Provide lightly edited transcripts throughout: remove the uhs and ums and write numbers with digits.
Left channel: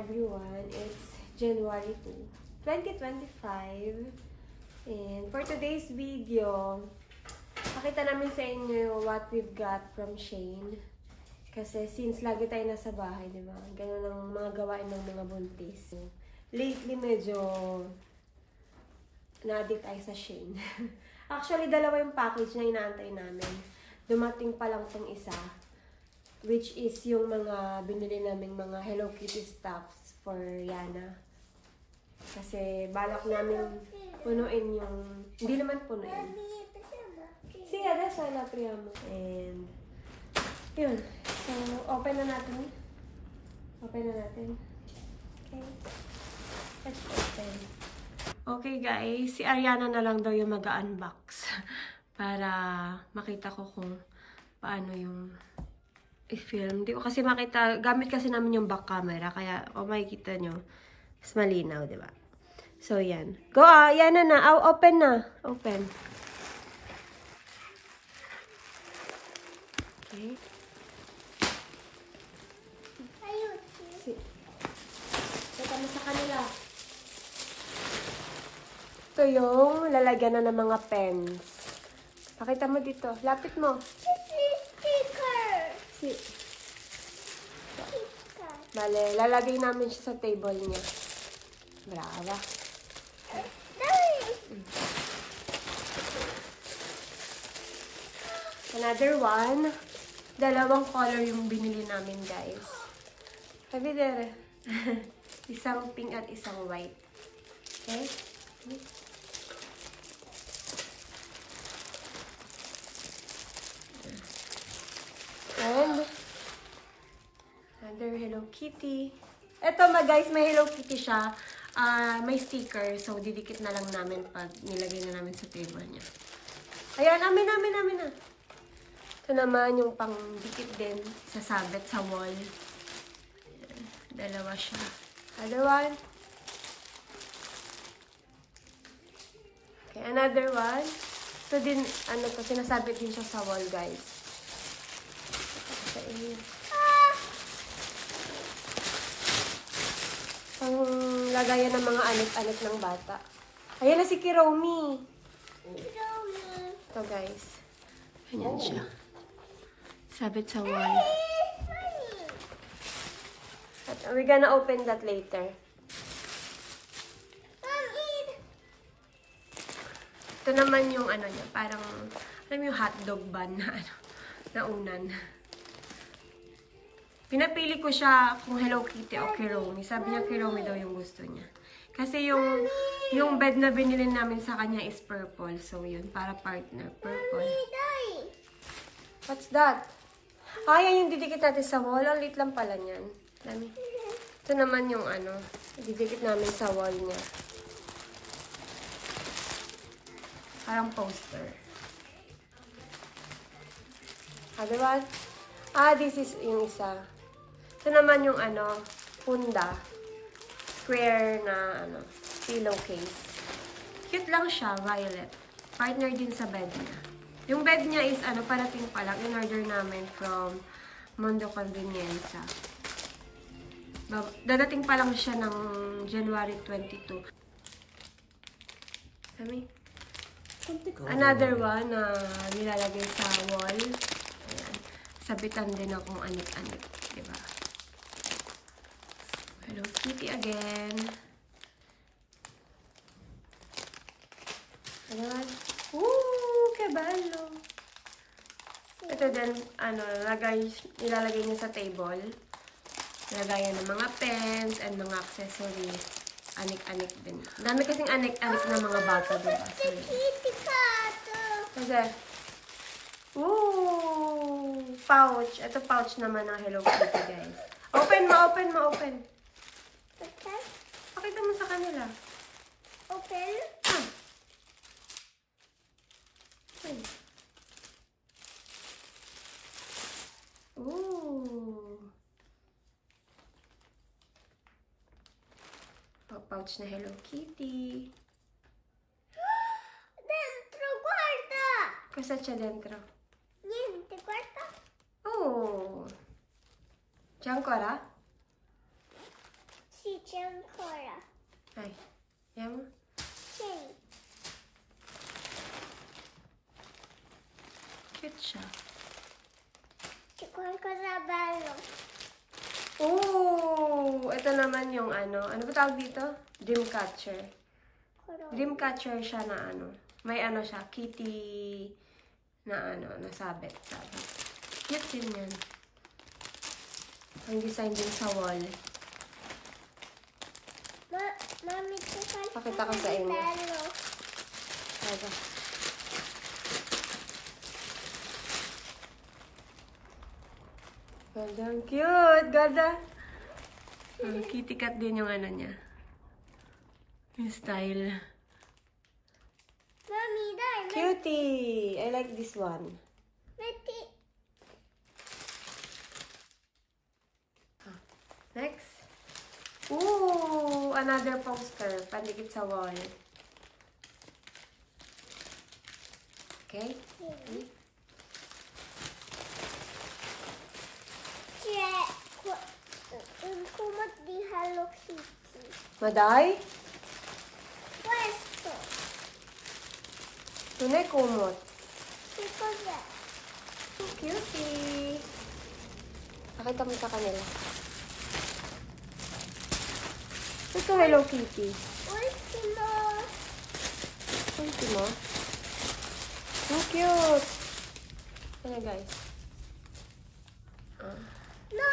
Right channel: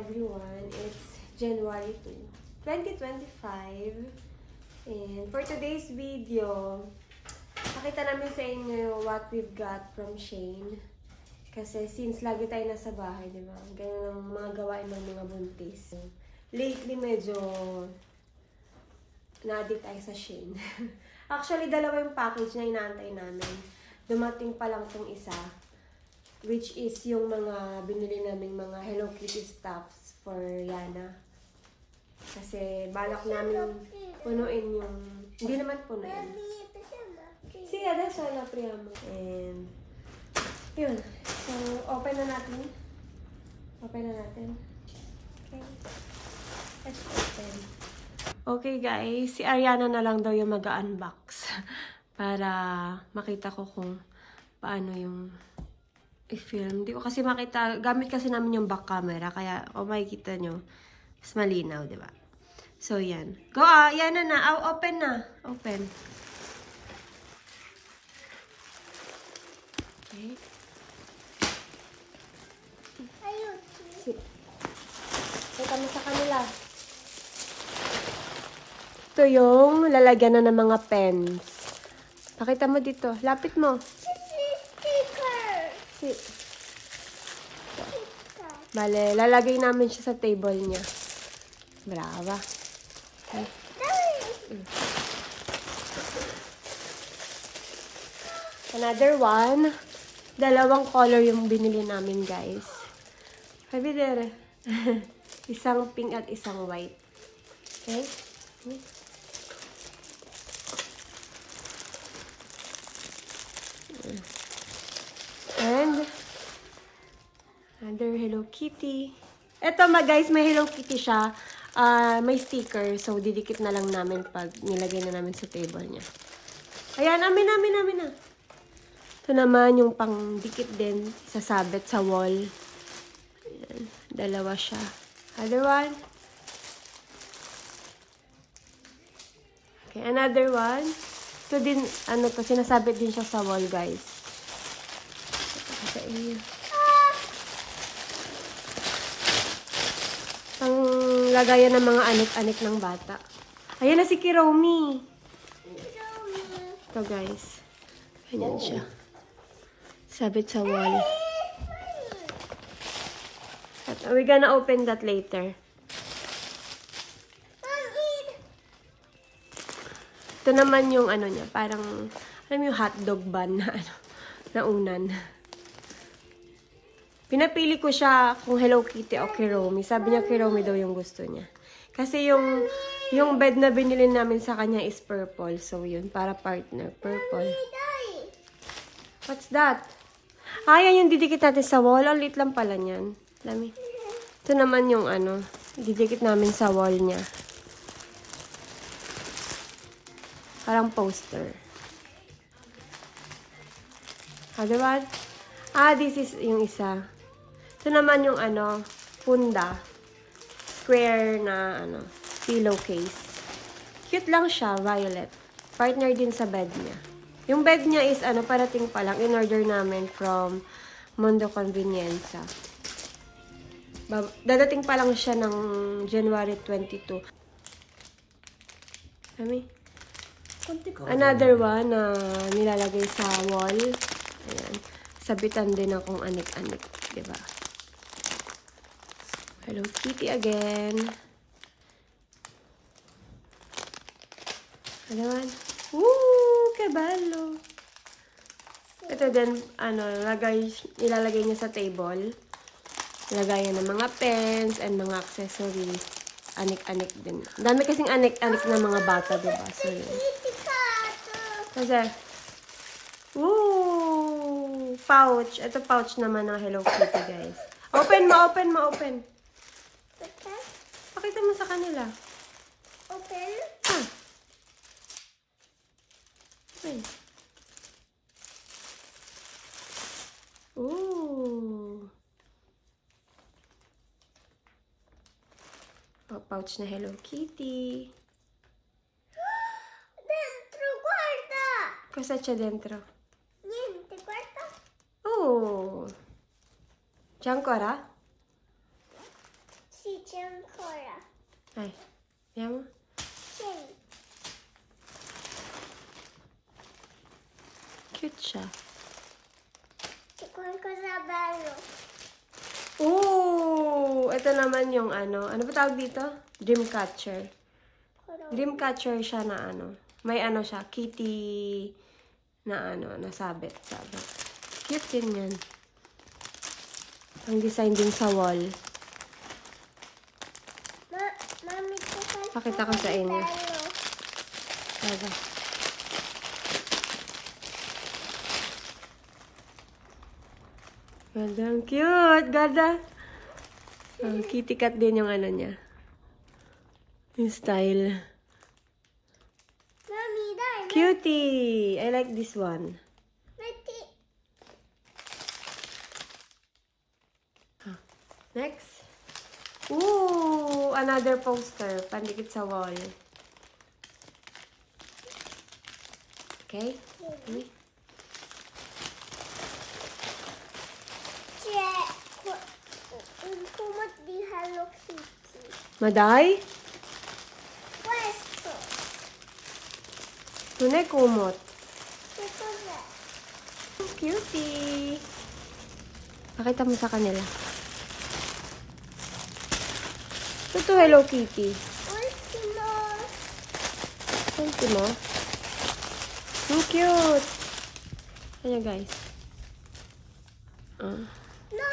everyone. It's January 2, 2025. And for today's video, pakita namin sa inyo what we've got from Shane. Kasi since lagi tayo nasa bahay, di ba? Ganun ang mga gawain ng mga buntis. Lately, medyo na-addict tayo sa Shane. Actually, dalawa yung package na inaantay namin. Dumating pa lang tong isa. Which is yung mga binili naming mga Hello Kitty stuffs for Yana. Kasi balak namin punuin yung... Hindi naman punuin. See, that's all na priyamo. And, yun. So, open na natin. Open na natin. Okay. Let's open. Okay guys, si Ariana na lang daw yung mag-unbox. Para makita ko kung paano yung i-film. Hindi ko kasi makita. Gamit kasi namin yung back camera. Kaya, makikita nyo. Mas malinaw, di ba? So, yan. Go, yan na. Open na. Open. Okay. Ayun. Ito mo sa kanila. Ito yung lalagyan na ng mga pens. Pakita mo dito. Lapit mo. Bale, lalagay namin siya sa table niya. Brava. Another one. Dalawang color yung binili namin, guys. Sabi there. Isang pink at isang white. Okay? And another Hello Kitty. Ito guys, may Hello Kitty siya. May sticker. So, didikit na lang namin pag nilagay na namin sa table niya. Ayan, amin na. Ito naman yung pang-dikit din. Sasabit sa wall. Ayan, dalawa siya. Other one. Okay, another one. Ito din, sinasabit din siya sa wall, guys. Okay. Ang lagayan ng mga anik-anik ng bata. Ayan na si Kiromi. Ito guys. Ayan siya. Sabit sa wall. We're gonna open that later. Ito naman yung niya. Parang, alam yung hotdog bun na unan. Pinapili ko siya kung Hello Kitty o Kiromi. Sabi niya Kiromi daw yung gusto niya. Kasi yung bed na binili namin sa kanya is purple. So yun, para partner. Purple. What's that? Ayan yung didikit natin sa wall. Ang lit lang pala niyan. Dami. Ito naman yung didikit namin sa wall niya. Parang poster. Diba? This is yung isa. Ito naman yung punda. Square na pillowcase. Cute lang siya, violet. Partner din sa bed niya. Yung bed niya is parating pa lang. In-order namin from Mundo Convenienza. Dadating pa lang siya ng January 22. Another one na nilalagay sa wall. Ayan. Sabitan din akong anik-anik. Diba? Hello Kitty again. Ayan. Woo! Kebalo! Ito din, ilalagay niyo sa table. Ilagayan ng mga pens and mga accessories. Anik-anik din. Dami kasing anik-anik na mga bata, diba? So, kasi, woo! Pouch. Ito pouch naman ng Hello Kitty, guys. Open mo. Okay. Pakita mo sa kanila. Open. Ooh. Pouch na Hello Kitty. Dentro, guarda! Cosa c'è dentro? Niente, guarda. Oh. C'è ancora? Yung Cora. Ay, yan mo. Sing. Cute siya. Tikwan ko sa balo. Ooh! Ito naman yung ano. Ano ba tawag dito? Dreamcatcher. Cora. Dreamcatcher siya na ano. May ano siya. Kitty na ano. Nasabit. Cute din yan. Ang design din sa wall. Mami, tikwan ko Pakita ko sa inyo. balo. Okay. Ganda. Ang cute. Ganda. Kitty cat din yung ano niya. Yung style. Mami, dai. Cutie! I like this one. Mati. Next. Ooh! Another poster. Pandikit sa wall. Okay? Okay. Yung kumot di Hello Kitty. Maday? Pwesto. Yun ay kumot. Ito ba? Cutie! Pakita mo sa kanila. Ito Hello Kitty. Ultimo. Ultimo. Ang cute! Ayan guys. No,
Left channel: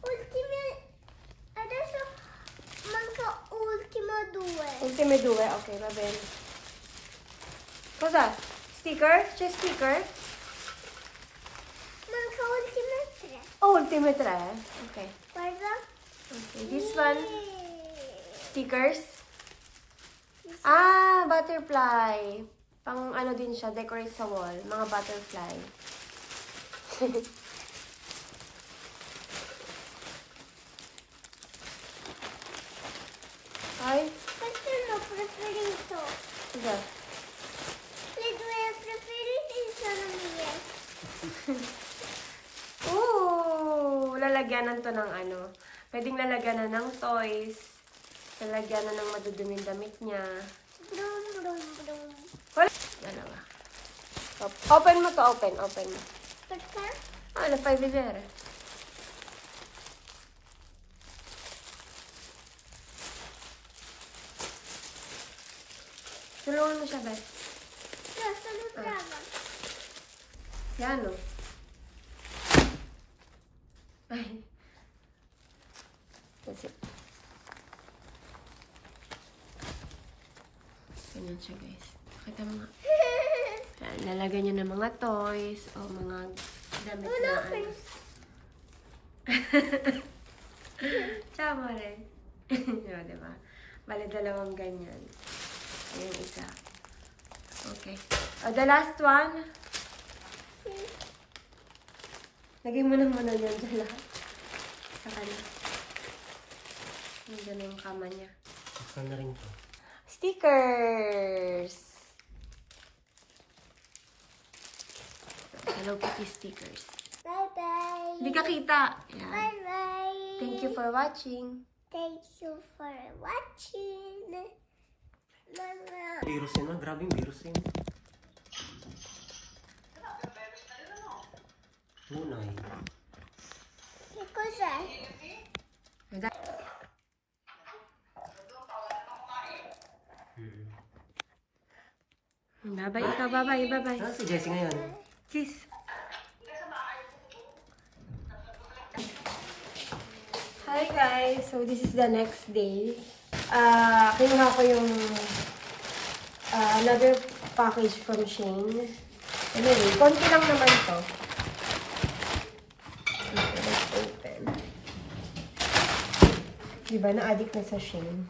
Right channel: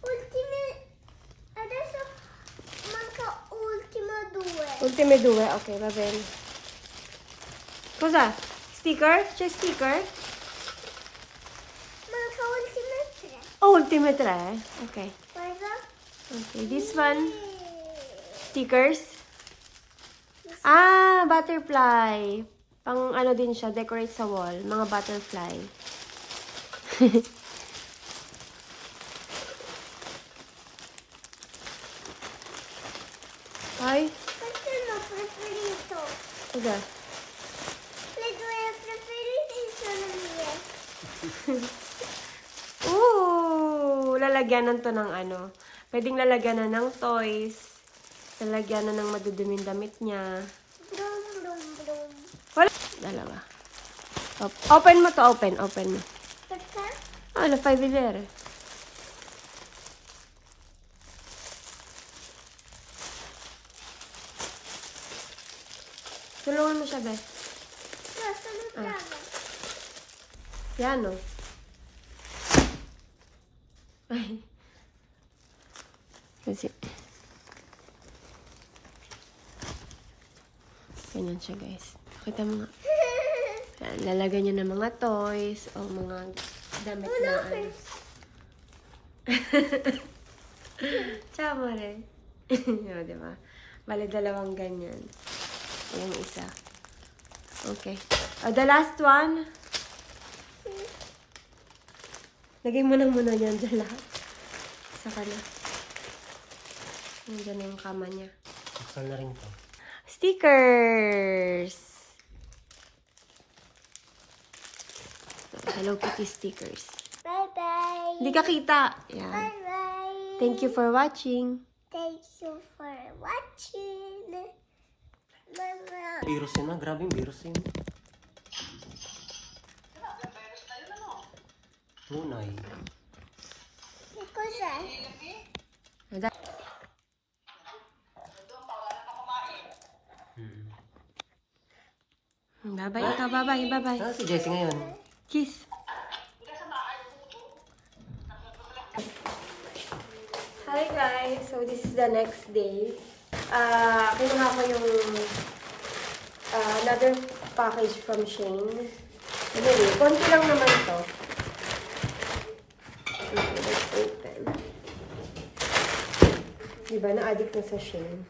ultime. Adesso manca ultimo due. Ultime due. Okay, va bene. Cosa? Sticker? C'è sticker? Manca ultime tre. Oh, ultime 3. Okay. Guarda. Okay, this one. Stickers. Ah, butterfly. Pang ano din siya, decorate sa wall. Mga butterfly. Ay, Questo è il mio preferito. diba? Le due preferite sono mie. Ooh! Lalagyanan to ng ano. Pwedeng lalagyanan ng toys. Lalagyanan ng maduduming damit niya. Brum, brum, brum. Wala. Dalawa. Open mo to, open. Open mo. Perché? Ano, 5 lire. Tulungan mo siya, Beth. No, sono brava. Yan, o. Ay. Kasi. Ganyan siya, guys. Kita mo nga. Yan, lalagyan niyo ng mga toys o mga damit Uno, na ano. first. Tsama rin. Yun, diba? Bali, dalawang ganyan. Yung isa. Okay. The last one. Lagay mo lang muna yan dyan. Sa kanya. Nandiyan na yung kama niya. Saan na rin to? Stickers! Hello Kitty stickers. Bye-bye. Hindi ka kita. Yan. Bye-bye. Thank you for watching. Thank you for watching. Mama. Virus yun, ah. Grabe yung virus yun. Lunay. Che cos'è? Bye-bye ikaw. Bye-bye. Bye-bye. Saan si Jessie ngayon? Kiss. Hi guys! So this is the next day. Kinuha ko yung another package from Shein. Anyway, konti lang naman to. Okay, let's open. Diba, na-addict na sa Shein.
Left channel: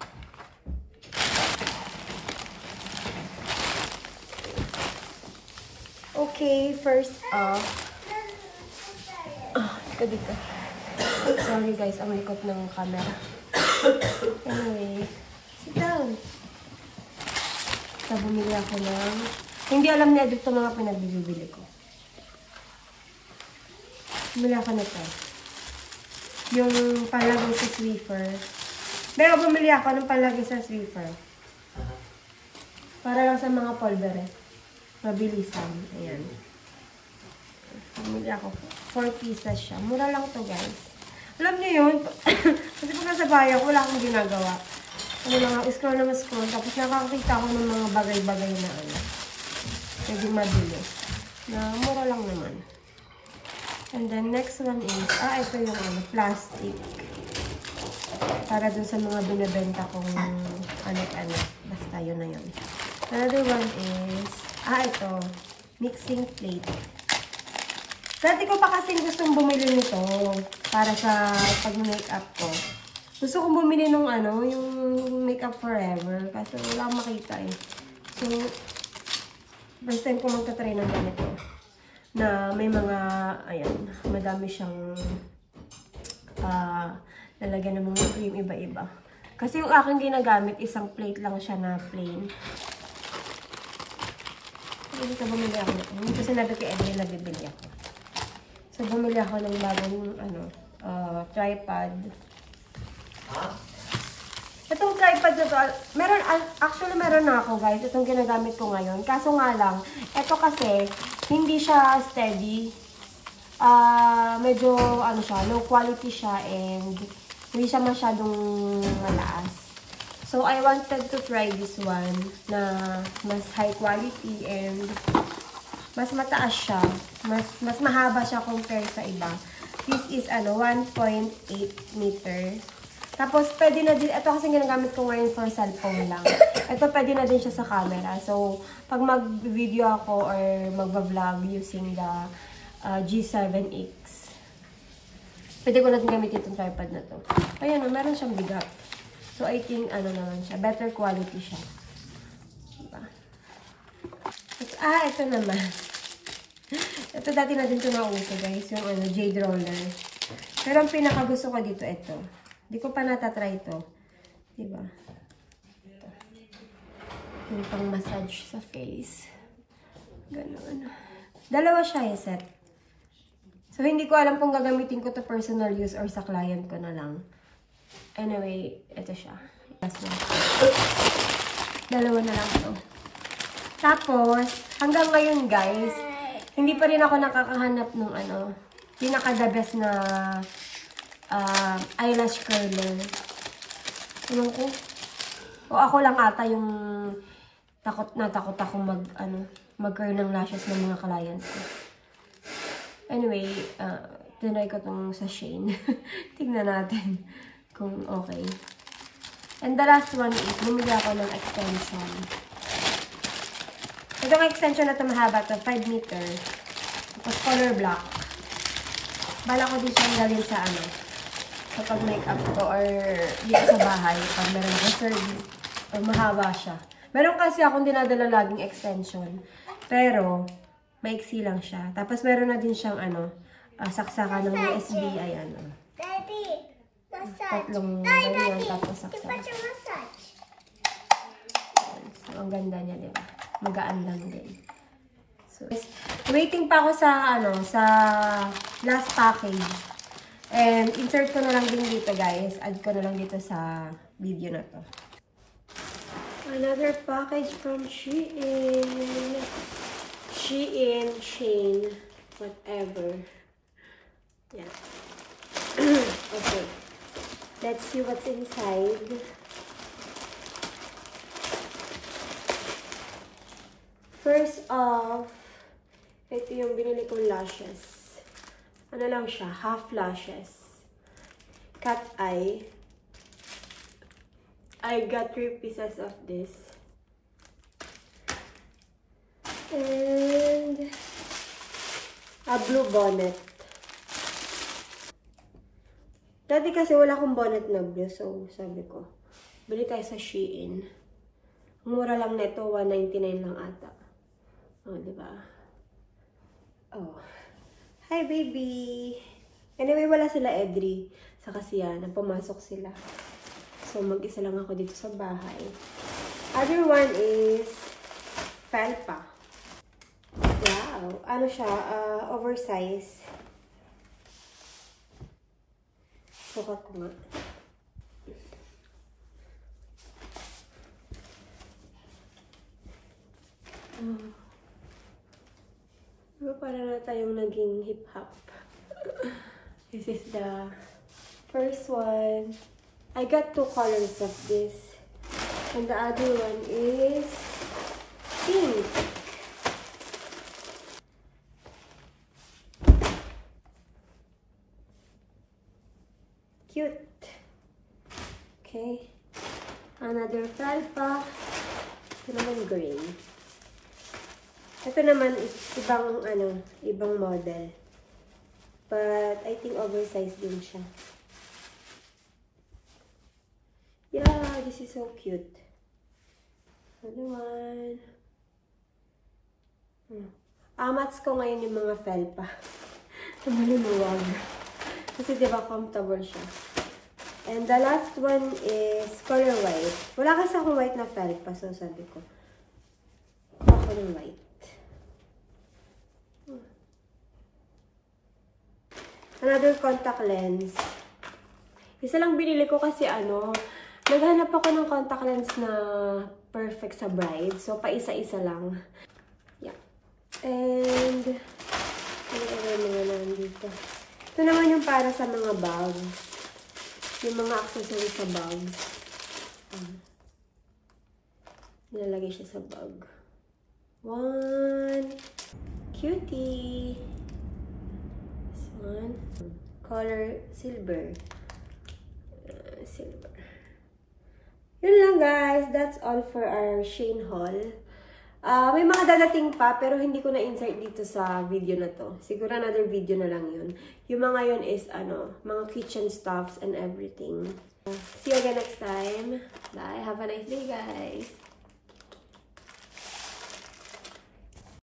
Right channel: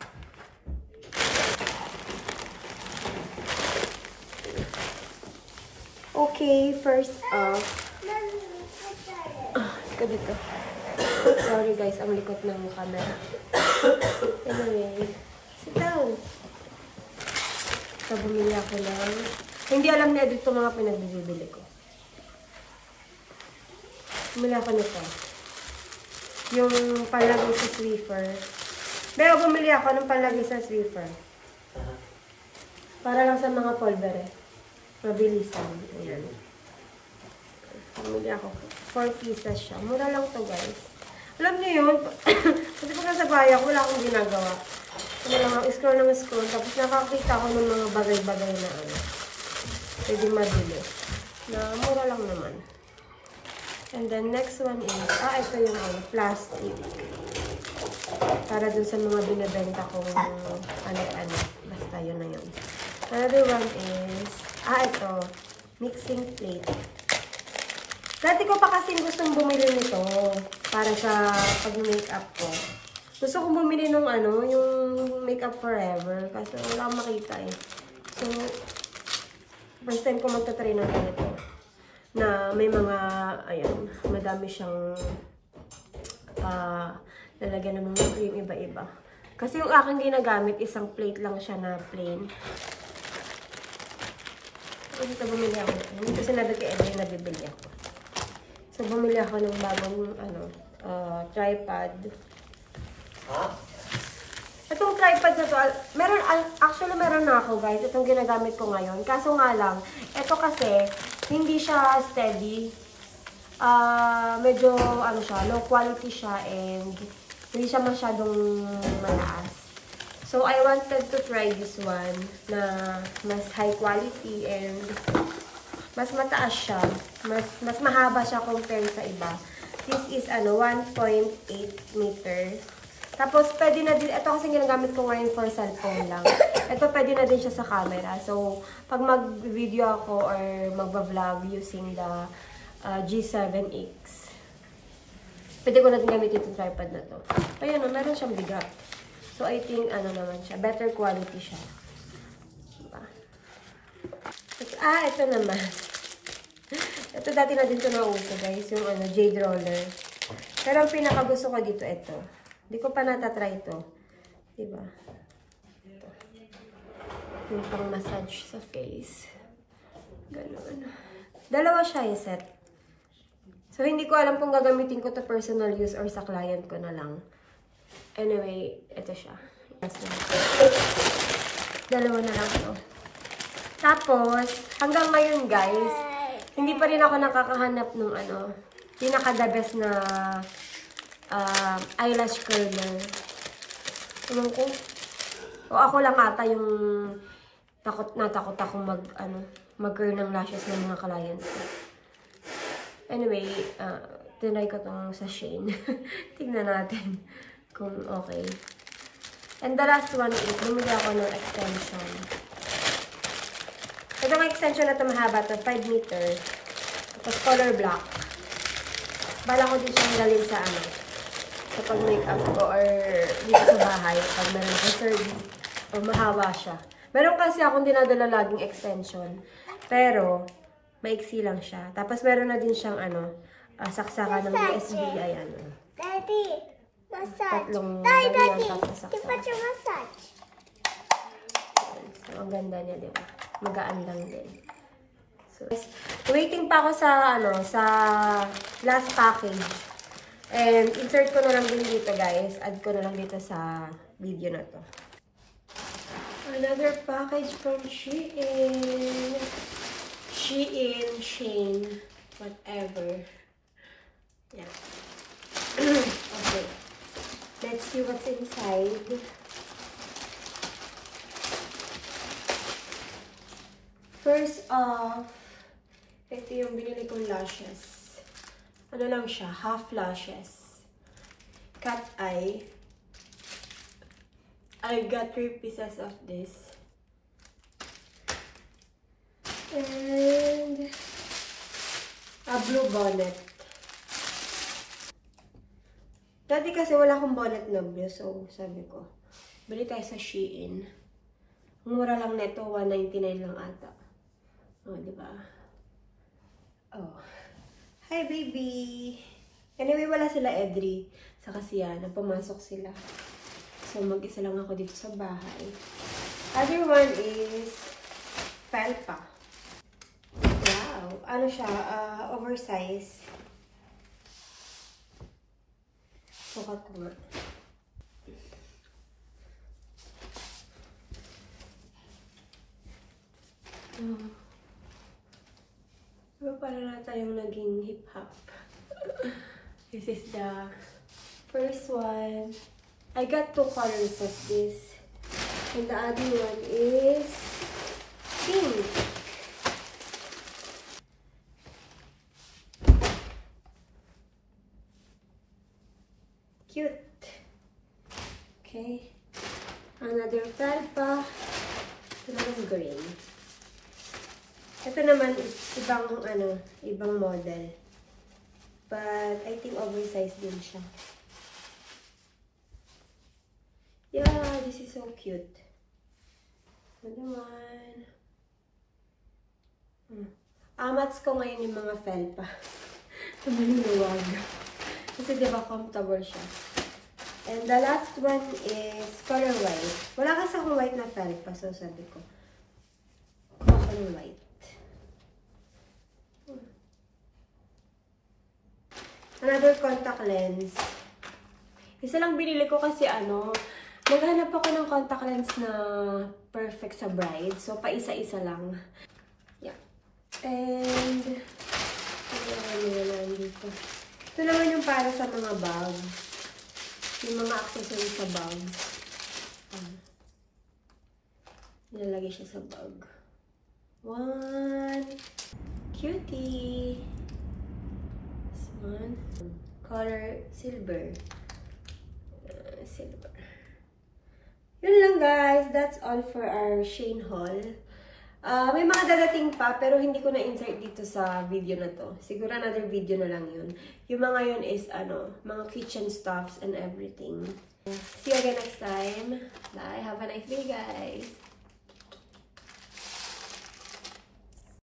Okay, first off. Ika dito. Sorry guys, ang likot ng camera. Anyway, sit down. So, bumili ako ng... Hindi alam na dito mga pinagbibili ko. Bumili ako nito. Yung palagay sa Swiffer. Pero bumili ako ng panlagay sa Swiffer. Para lang sa mga pulvere. Mabilisan. Ayan. Bumili ako. 4 pieces siya. Mura lang to guys. Alam niyo yun? Kasi pag nasa bahay ako, wala akong ginagawa. Ano lang ako, scroll ng scroll. Tapos nakakita ako ng mga bagay-bagay na ano. Pwede mabili. Na mura lang naman. And then next one is, ito yung ano, plastic. Para dun sa mga binibenta kong ano. Basta yun na yun. Another one is, ito. Mixing plate. Dati ko pa kasing gustong bumili nito para sa pag-makeup ko. Gusto kong bumili nung ano, yung Makeup Forever. Kasi wala akong makita eh. So, first time ko magta-try ng ganito. Na may mga, ayan, madami siyang lalagyan ng mga cream iba-iba. Kasi yung aking ginagamit, isang plate lang siya na plain. Dito bumili ako na. Hindi sinabi kay Edwin na bibili ako. So, bumili ako ng bagong, tripod. Itong tripod na to, actually meron na ako guys. Itong ginagamit ko ngayon. Kaso nga lang, ito kasi, hindi siya steady. Medyo, siya, low quality siya and hindi siya masyadong malaas. So, I wanted to try this one na mas high quality and mas mataas siya. Mas mahaba siya compare sa iba. This is, 1.8 meter. Tapos, pwede na din, ito kasi ginagamit ko ngayon for cellphone lang. Ito, pwede na din siya sa camera. So, pag mag-video ako or mag-vlog using the G7X, pwede ko na din gamitin itong tripod na to. Ayan, meron siyang bigat. So, I think, naman siya, better quality siya. Diba? Ito naman. Ito, dati na din ito nauso, guys. Yung, jade roller. Pero ang pinaka gusto ko dito, ito. Hindi ko pa natatry ito. Diba? Ito. Yung pang massage sa face. Ganun. Dalawa siya yung set. So, hindi ko alam kung gagamitin ko to personal use or sa client ko na lang. Anyway, ito siya. Last one. Dalawa na lang ito. Tapos, hanggang ngayon guys, hindi pa rin ako nakakahanap ng pinaka-the best na eyelash curler. Ewan ko. O ako lang ata yung takot akong mag-curl ng lashes ng mga client ko. Anyway, tinry ko tong sa Shane. Tingnan natin kung okay. And the last one is, bumili ako ng extension. Itong extension na ito mahaba to 5 meter. Tapos color black. Bala ko din siyang dalhin sa sa pag-makeup ko or dito sa bahay pag meron ako service o mahaba siya. Meron kasi akong dinadala laging extension. Pero, maiksi lang siya. Tapos meron na din siyang saksakan ng USB. Ayan. Daddy, massage. Tatlong ganyan tapos saksakan. So, ang ganda niya, diba? Magaan lang din. So, waiting pa ako sa sa last package. And insert ko na lang din dito guys. Add ko na lang dito sa video na to. Another package from Shein. Shane, whatever. Yeah. Okay. Let's see what's inside. First off, ito yung binili kong lashes. Ano lang siya? Half lashes. Cat eye. I got 3 pieces of this. And a blue bonnet. Dati kasi wala akong bonnet na blue. So, sabi ko, bili tayo sa Shein. Ang mura lang neto, $1.99 lang ata. Oh, diba? Oh. Hi, baby! Anyway, wala sila Edri. Sa kasiyan, pumasok sila. So, mag-isa lang ako dito sa bahay. Other one is Felpa. Wow! Ano siya? Oversize. Sukat ko nga. Pero para na tayong naging hip-hop. This is the first one. I got 2 colors of this. And the other one is pink. Cute. Okay. Another felpa. Ito naman gray. Ito naman is ibang model. But I think oversized din siya. Yeah, this is so cute. Another one. Amats ko ngayon yung mga felpa. Maluwag. Kasi diba comfortable siya. And the last one is color white. Wala kasi akong white na felpa. So sabi ko, color white. Another contact lens. Isa lang binili ko kasi naghanap ako ng contact lens na perfect sa bride. So, paisa-isa lang. Yeah. And, ano naman dito. Ito naman yung para sa mga bags. Yung mga accessories sa bags. Nilalagay siya sa bag. One. Cutie. This one. Color silver. Silver. Yun lang guys. That's all for our Shein haul. May mga dadating pa pero hindi ko na-insert dito sa video na to. Siguro another video na lang yun. Yung mga yun is mga kitchen stuffs and everything. See you again next time. Bye. Have a nice day guys.